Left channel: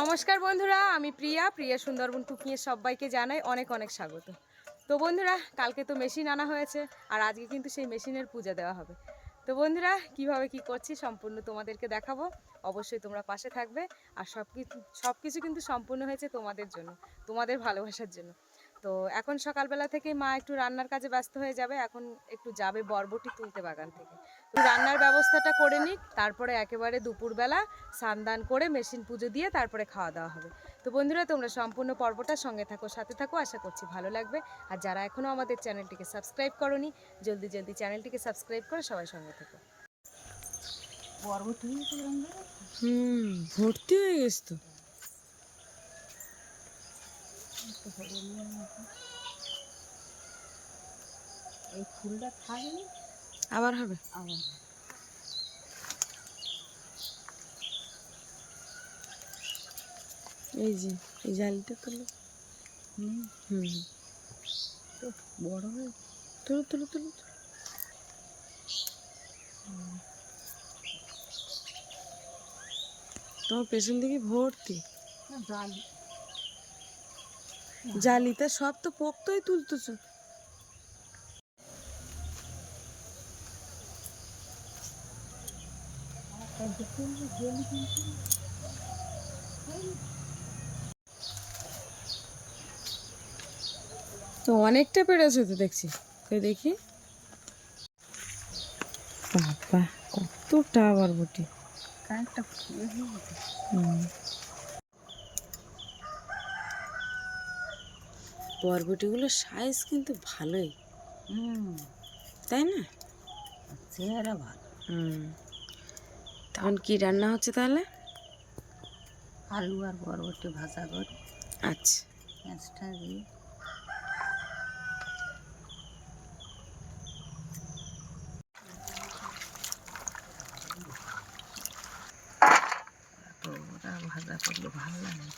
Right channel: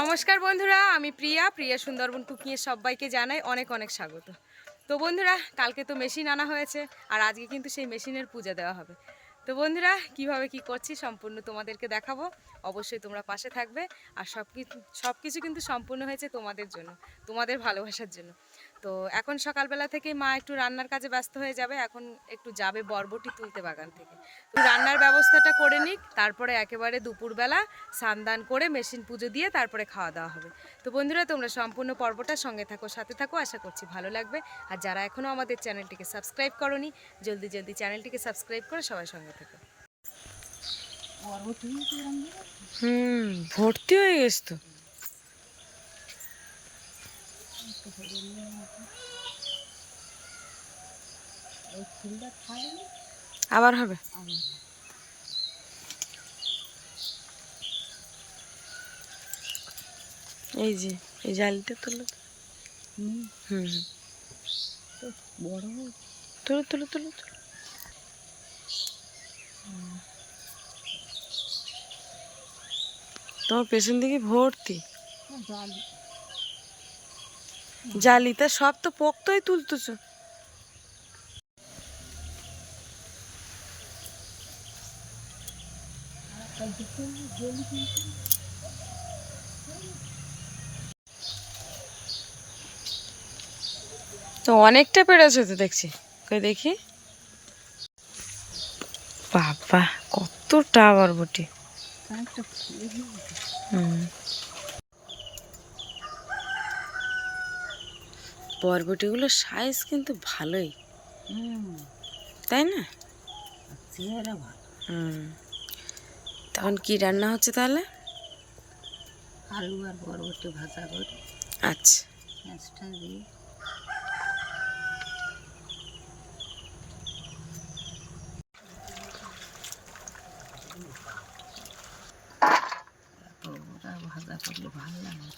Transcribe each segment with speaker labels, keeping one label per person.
Speaker 1: নমস্কার বন্ধুরা, আমি প্রিয়া। প্রিয়া সুন্দরবন কুকিংয়ে সবাইকে জানাই অনেক অনেক স্বাগত। তো বন্ধুরা, কালকে তো মেশিন আনা হয়েছে, আর আজকে কিন্তু সেই মেশিনের পূজা দেওয়া হবে। তো বন্ধুরা, কীভাবে কি করছি সম্পূর্ণ তোমাদেরকে দেখাবো। অবশ্যই তোমরা পাশে থাকবে, আর সব কিছু সব কিছু কিন্তু সম্পূর্ণ হয়েছে তোমাদের জন্য, তোমাদের ভালোবাসার জন্য। তো এখন সকালবেলা থেকে মা একটু রান্নার কাজে ব্যস্ত হয়ে যাবে এখন একটু যাবে বরবটি তুলতে বাগান থেকে। তো রান্নার ব্যবস্থাটা করে নিক তারপরে একেবারে দুপুরবেলা স্নান করে মেশিন পুজো দিয়ে তারপরে খাওয়া দাওয়া হবে। তো বন্ধুরা তোমরা সম্পূর্ণ পর্বটা সঙ্গে থাকো সাথে থাকো আশা করছি ভালো লাগবে। আর যারা এখনও আমাদের চ্যানেলটিকে সাবস্ক্রাইব করনি জলদি জলদি চ্যানেলটিকে সাবস্ক্রাইব করে সবাই সঙ্গে থাকো।
Speaker 2: বরবটি
Speaker 1: হুম ভর্তি হয়ে গেছে তো। আবার হবে? এই যে, এই জালটা তুলো।
Speaker 2: হুম
Speaker 1: হুম।
Speaker 2: বড় হয়ে
Speaker 1: তুলো তুলো তুলো তুলো। তোমার পেছন দিকে ভর্তি?
Speaker 2: জালি।
Speaker 1: জালিতে সব তো পোক্তই তুলতেছো। তো অনেকটা পেরেছে তো দেখছি। কই দেখি। বাবা কতটা বরবটি
Speaker 2: ফুলে
Speaker 1: হুম। বরবটিগুলোর সাইজ কিন্তু ভালোই। তাই না?
Speaker 2: চেহারা ভালো।
Speaker 1: হুম। তখন কি রান্না হচ্ছে তাহলে?
Speaker 2: আলু আর বরবটি ভাজা করে।
Speaker 1: আচ্ছা।
Speaker 2: পেঁয়াজটা দিয়ে তো ওরা ভাজা করলে ভালো লাগে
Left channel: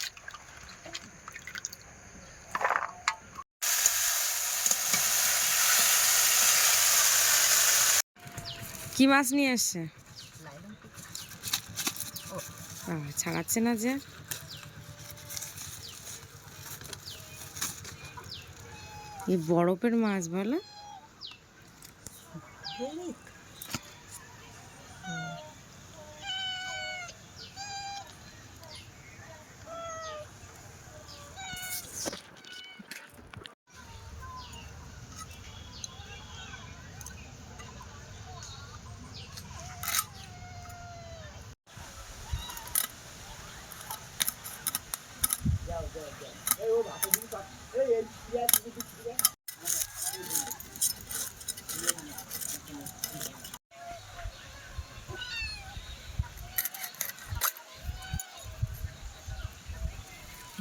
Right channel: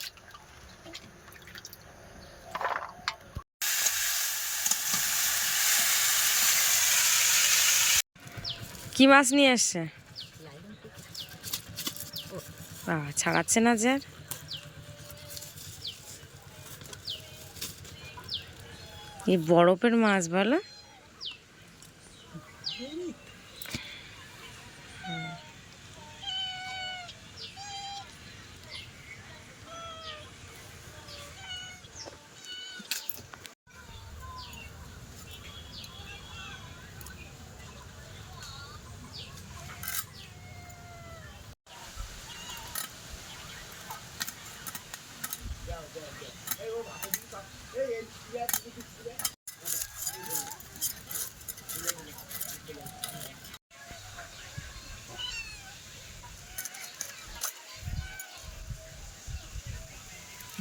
Speaker 1: কি মাছ নিয়ে আসছে বাবা ছাড়াচ্ছে না যে? এই বরফের মাছ বলো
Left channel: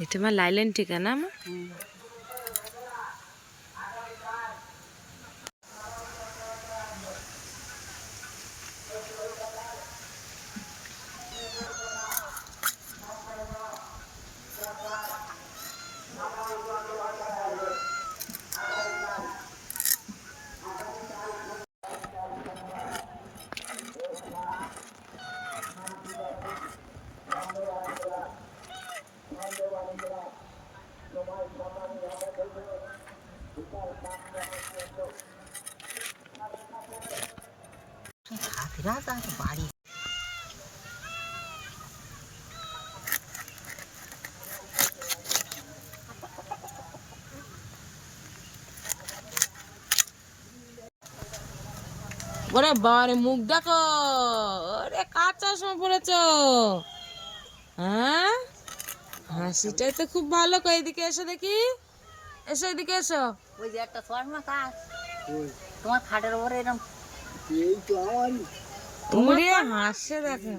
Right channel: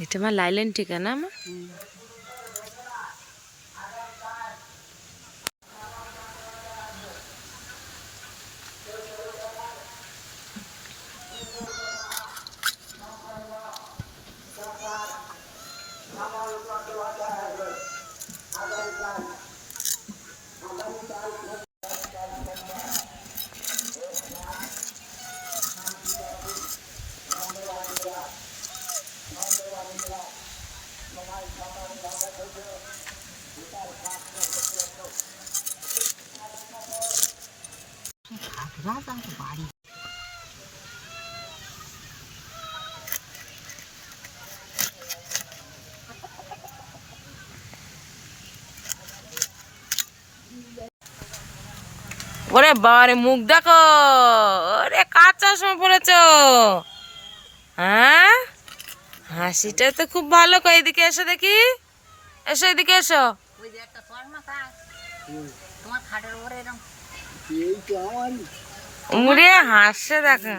Speaker 1: এটা আমার লাইলেন ঠিকানা আমার? ওরে বাবারে মুখ দেখো। ওরে কাঁচা সময় পড়েছ। হ্যাঁ? হাসিটা তো খুব ভালো কই এদিকে এসো দেখি। এসো এদিকে এসো।
Speaker 2: ওই যে একটা স্বর্ণ কাজ তোমার খাটের ওপরে এরকম
Speaker 1: উড়ে হাসছে দেখো।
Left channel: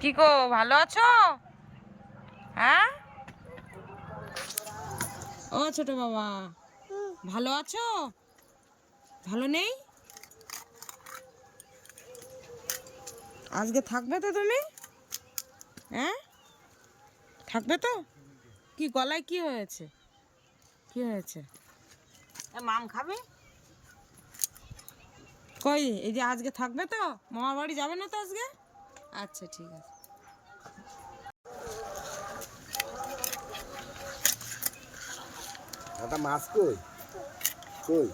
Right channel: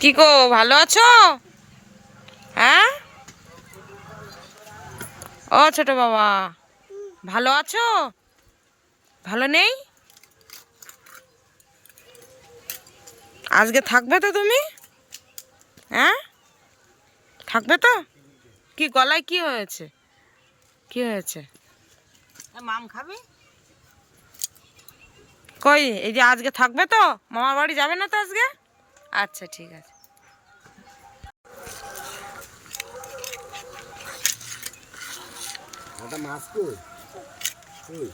Speaker 1: কি গো ভালো আছো? হ্যাঁ? ও ছোট বাবা ভালো আছো? ভালো নেই? আজকে থাকবে তো তুমি? হ্যাঁ? থাকবে তো? কি গলায় কি হয়েছে? কি হয়েছে?
Speaker 2: মাম খাবে?
Speaker 1: কই এই যে আজকে থাকবে তো? মামার বাড়ি যাবে না তো আজকে? আচ্ছা ঠিক আছে।
Speaker 3: মাছ কই? কই?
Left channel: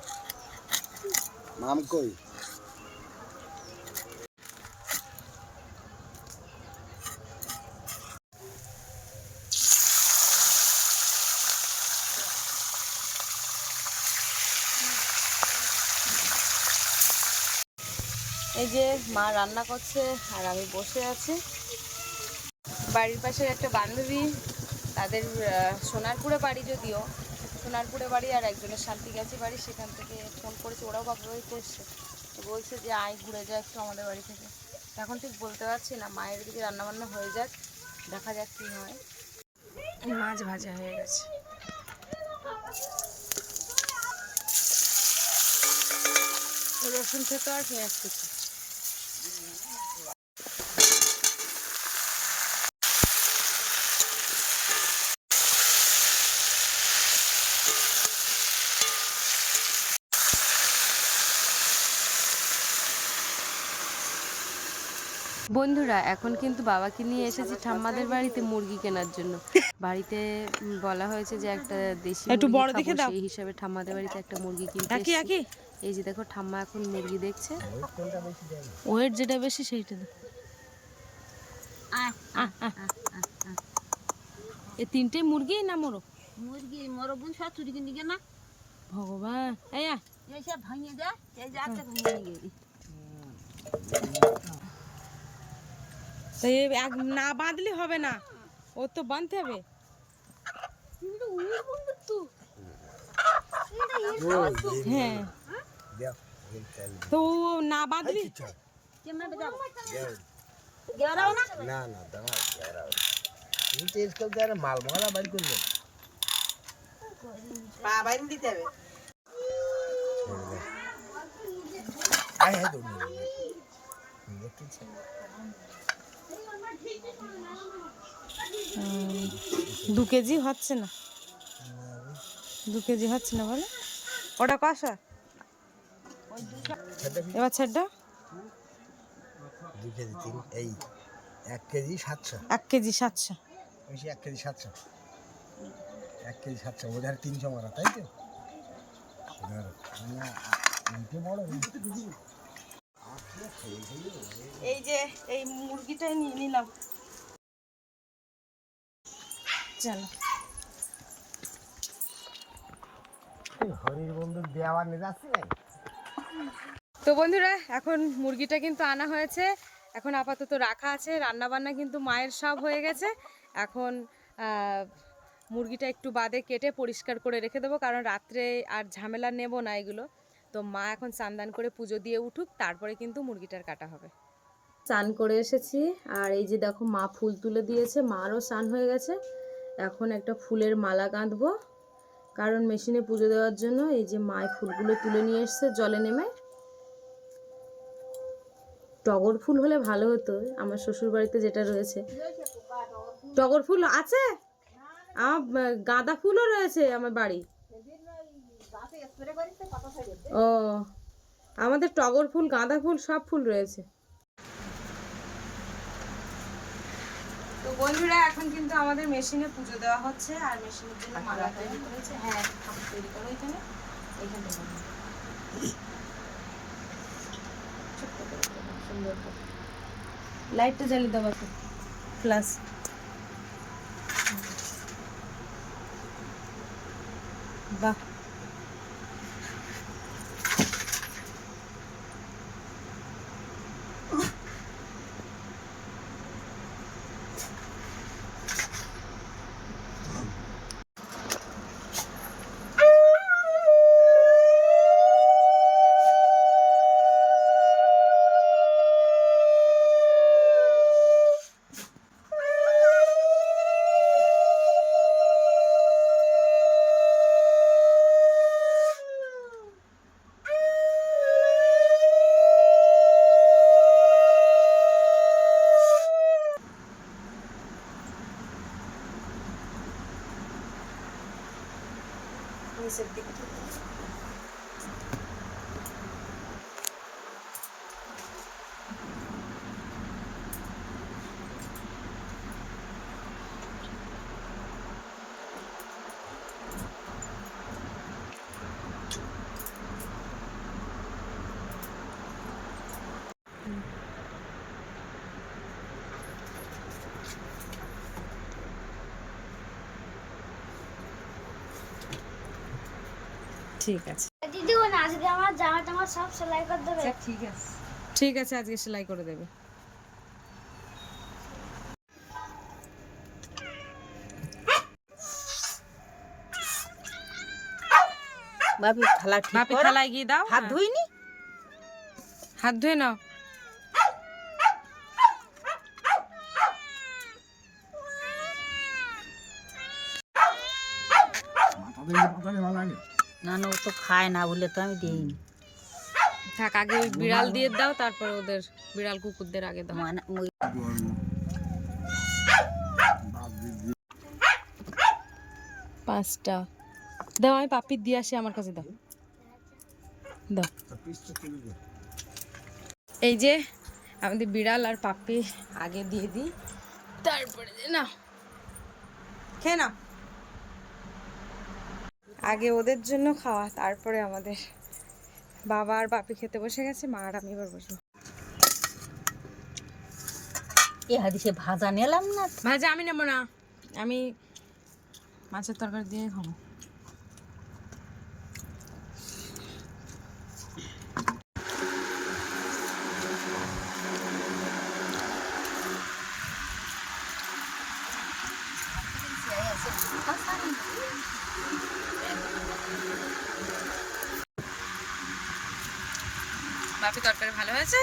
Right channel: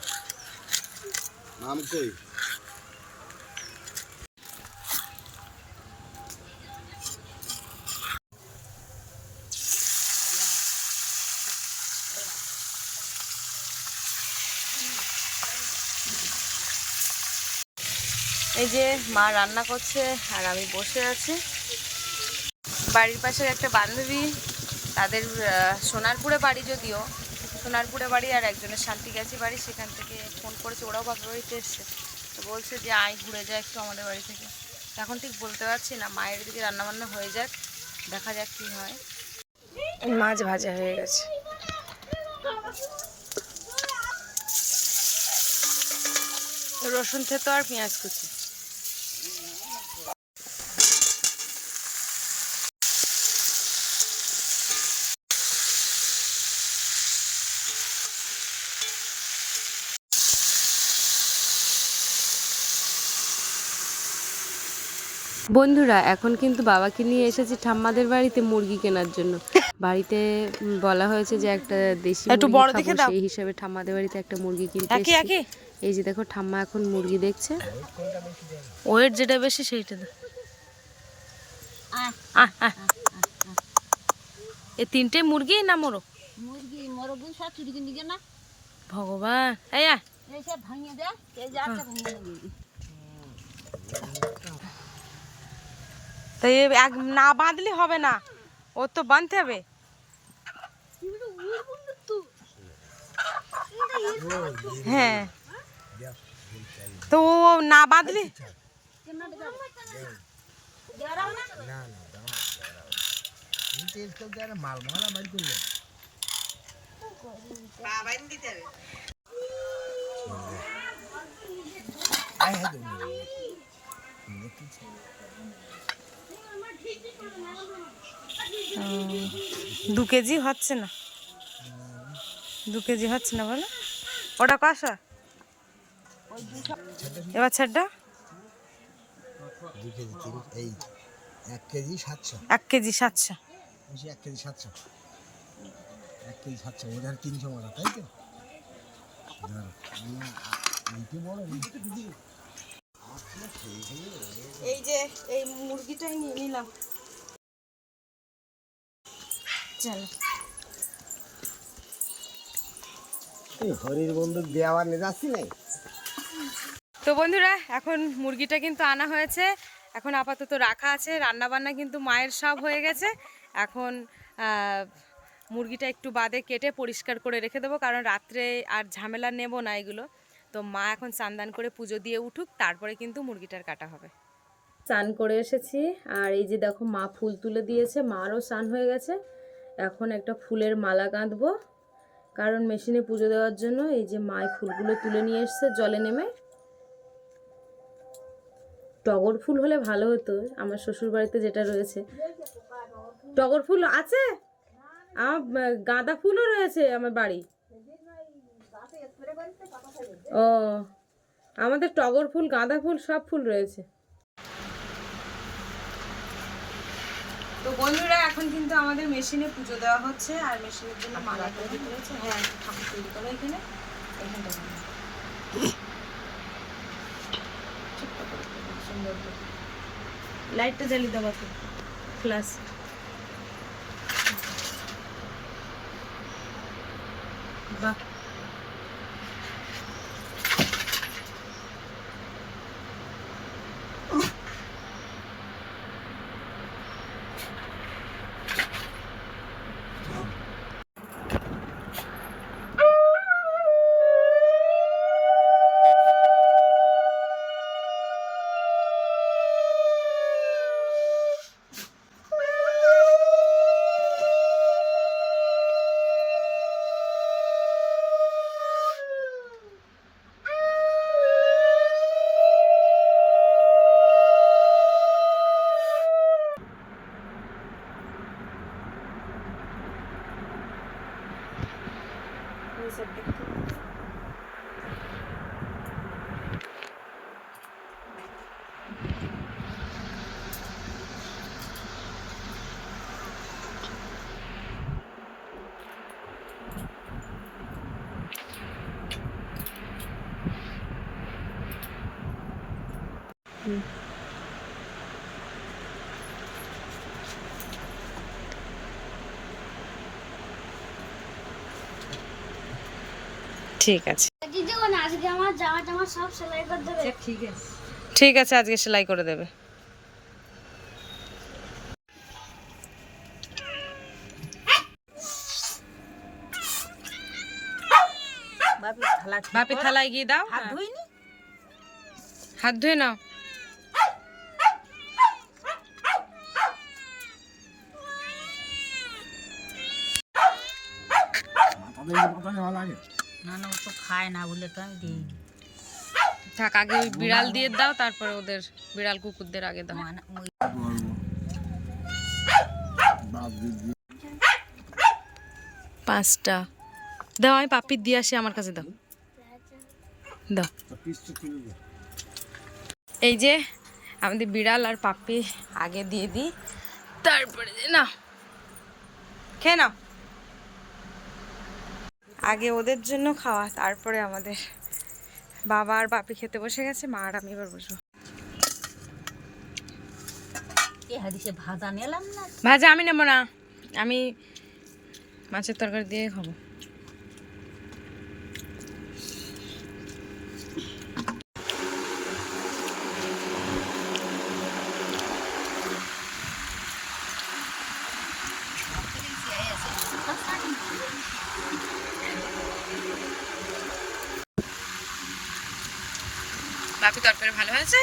Speaker 3: মাম কই?
Speaker 1: এই যে মা রান্না করছে আর আমি বসে আছি। বাড়ির পাশের একটা বান্ধবী তাদের সোনারপুরে বাড়ি যদিও সোনারপুরে বাড়ি আর একজনের শান্তি শান্তিগাছি বাড়ি সেখান থেকে ফোন করেছে ওরাও বাপের বাড়িতে এসছে তো বলছে যে আয় ঘুরে যায় একটু আমাদের বাড়ি থেকে। এখন ঠিক বলতে পারছি না মায়ের দিকে রান্নাবান্না হয়ে যাক দেখা যাক কী হয়। মাছ ভাজা হয়ে গেছে। রসুন থেতো আর পেঁয়াজ কুচি। বন্ধুরা এখন কিন্তু বাবাকে নিয়ে এসেছি ঠাম্মাদের বাড়িতে মুরগি কেনার জন্য। বাড়িতে বলা হয়েছে যে একটা দেশি
Speaker 4: একটু বড় দেখে দাও।
Speaker 1: সেই হিসাবে ঠাম্মাদের বাড়িতে একটা মুরগি কিনতে
Speaker 4: একই
Speaker 1: এসেছি।
Speaker 4: একই
Speaker 1: এই যে দেখো ঠাম্মা এখন মুরগি দেখছে।
Speaker 4: ওয়েট যেটা বেশি সেইটা দাও। এ তিনটে মুরগি না মোরো
Speaker 2: মুরগি সব চুরি কিনে দিকে না।
Speaker 4: ভগবান এই
Speaker 2: ভাঙিয়ে দেয় এই ভাঙিয়ে
Speaker 4: তো এক না বাঁধলে হবে না। ও তো বাঁধতে হবে। হ্যাঁ। তো ও না বাঁধলি
Speaker 2: না
Speaker 3: না আর মাল মালা বাড়ি করলে আয় হ্যাঁ তো
Speaker 4: দু কেজি হচ্ছে না। দু কেজি হচ্ছে না বলো। ওটা কষা এবার ছাড়টা
Speaker 3: দু কেজি তিন এই এক কেজি সাতশো।
Speaker 4: এক কেজি সাতশো।
Speaker 3: বেশি এক কেজি সাতশো। এক কেজি সাতশো ওদের তিনশো মারা তাই তো? না, এইটা বড়
Speaker 4: এই যে এই মুরগিটাই নিয়ে নিলাম। চলো।
Speaker 3: হরির বন্দুক দেওয়ার নিয়ে যাচ্ছি
Speaker 1: তো বন্ধুরা এখন মুরগিটা কিন্তু আনা হয়েছে। এখন আপাতত রাখা আছে। রান্না বান্না কিন্তু মায়ের সব হয়ে গেছে। এখন মুরগিটা একটু বাদে কেটে পরিষ্কার করে রেখে দেবো কারণ রাত্রে আর ঝামেলা নেব না এগুলো। তো মা এখন চান্দান করে পুজো দিয়ে উঠুক, তারপরে কিন্তু মুরগিটার কাটা হবে। চান করে এসেছি, আর এই যে দেখো মা ফুল তুলে দিয়েছে, মারও স্নান হয়ে গেছে। এখন একটা ফুলের মালা গাঁথবো কারণ মেশিনে পুজো দেওয়ার জন্য এই যে মায় ফুলগুলো তুলে নিয়ে এসছে, জলে নেমে। টগর ফুল হলে ভালো হতো, আমার শ্বশুর বাড়িতে যেটা রয়েছে। টগর ফুল আছে? আমার গাঁদা ফুলও রয়েছে আমার বাড়ি। ও আমাদের টগর ফুল গাঁদা ফুল সব ফুল রয়েছে। তো বন্ধুরা এখন কিন্তু আমাদের মেশিনে পুজো দেওয়া হচ্ছে আর মেশিনের জন্য মালা তৈরি করেছে। হ্যাঁ ঠাকুর তৈরি করো এখানে। সুন্দর লাইটটা জ্বালিয়ে দেবো ফ্লাশ বাহ। নিচের দিকটা ঠিক আছে
Speaker 5: দিদি ও আজকে আমার জামা টামা সব সেলাই করে দেবে
Speaker 2: ঠিক আছে
Speaker 1: ঠিক আছে আজকে সেলাই করে দেবে
Speaker 2: থালা
Speaker 1: বাপি থালায় গিয়ে দাও
Speaker 2: হাত
Speaker 1: হ্যাঁ।
Speaker 2: ধুইনি
Speaker 1: হাত ধুয়ে নাও
Speaker 3: মাথা দিয়ে ভালো লাগে
Speaker 2: না না ও তো খায় না বলে তো আমি দিইনি।
Speaker 1: থাক আগে ওই বিড়াল দিয়ে দাও তারপরে ওদের বিড়াল কুকুরদের আগে দাও। পাঁচটা। দাও আমি পাপির দিয়ে আসি আমার কাছে দাও। দাও। এই যে আমাদের বিড়াল আর পাপ্পি আগে দিয়ে দিই তারপরে না খেয়ে নাও। আগে ওদের জন্য খাওয়া তারপরে আমাদের বাবা আর বাপি খেতে বসে গেছে মা আর আমি এবার বসবো।
Speaker 2: ভাজা নিলাম না?
Speaker 1: ভাজা আমি নেব না আমি মাছের তরকারি দিয়ে খাব বাকি তরকারি ভালো হয়েছে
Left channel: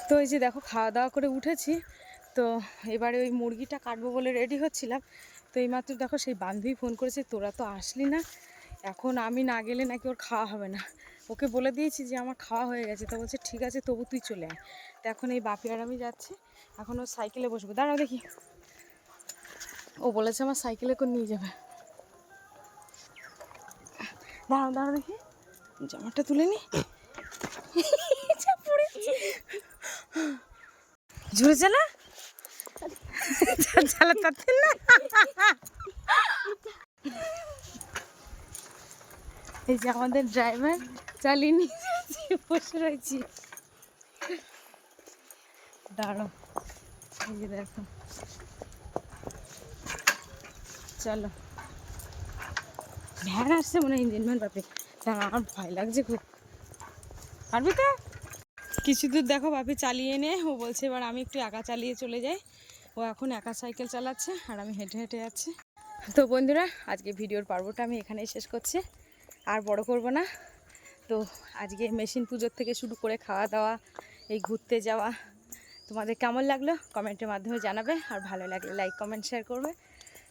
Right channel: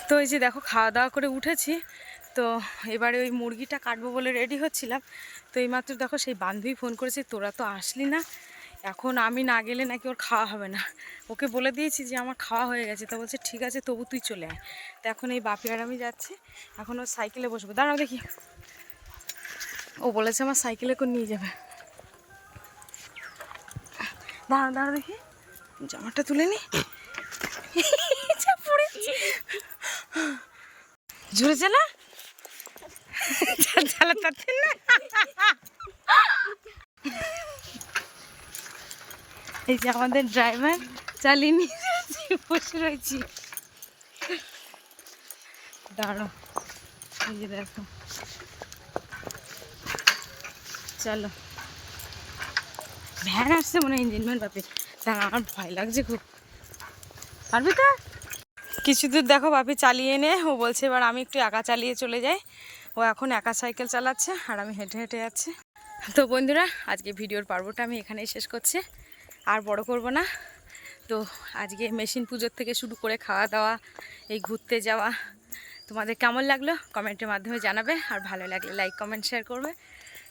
Speaker 1: তো এই যে দেখো, খাওয়া দাওয়া করে উঠেছি। তো এবারে ওই মুরগিটা কাটবো বলে রেডি হচ্ছিলাম। তো এই মাত্র দেখো সেই বান্ধবী ফোন করেছে, তোরা তো আসলি না। এখন আমি না গেলে নাকি ওর খাওয়া হবে না। ওকে বলে দিয়েছি যে, আমার খাওয়া হয়ে গেছে। তা বলছে, ঠিক আছে, তবু তুই চলে আয়। তো এখন এই বাপি আর আমি যাচ্ছি। এখন ওর সাইকেলে বসবো। দাঁড়াও দেখি। ও বলেছে, আমার সাইকেলে করে নিয়ে যাবে। দাঁড়াও দাঁড়াও দেখি। জামাটা তুলে নি যা পড়েছি জোরে চালা চালাতে না? এই যে আমাদের ড্রাইভার চালিয়ে নিয়ে বসে রয়েছি। দাঁড়ো এই যে দেখো। চলো। ভ্যান আসছে মনে হয় ইঞ্জিন ভ্যান পাবে দাঁড়া আমার ভয় লাগছে খুব। পারবি তো? কিছু দূর দেখো বাপি চালিয়ে নে ও বলছে এবার আমি একটু একা চালিয়ে চলে যাই। ও এখন একা সাইকেল চালাচ্ছে আর আমি হেঁটে হেঁটে যাচ্ছি। তো বন্ধুরা, আজকে ভিডিওর পর্বটা আমি এখানেই শেষ করছি। আর বড় করব না। তো আজকে মেশিন পুজোর থেকে শুরু করে খাওয়া দাওয়া, এই ঘুরতে যাওয়া, তোমাদের কেমন লাগল কমেন্টের মাধ্যমে জানাবে। আর ভালো লাগলে লাইক, কমেন্ট, শেয়ার করবে।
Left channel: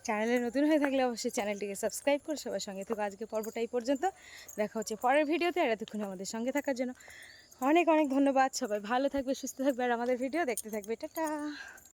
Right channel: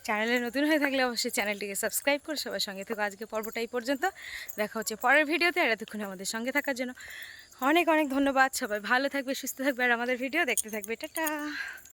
Speaker 1: চ্যানেলে নতুন হয়ে থাকলে অবশ্যই চ্যানেলটিকে সাবস্ক্রাইব করে সবার সঙ্গে থেকে। আজকে পর্বটা এই পর্যন্ত। দেখা হচ্ছে পরের ভিডিওতে। আর এতক্ষণ আমাদের সঙ্গে থাকার জন্য অনেক অনেক ধন্যবাদ। সবাই ভালো থাকবে সুস্থ থাকবে আর আমাদের ভিডিও দেখতে থাকবে। টাটা!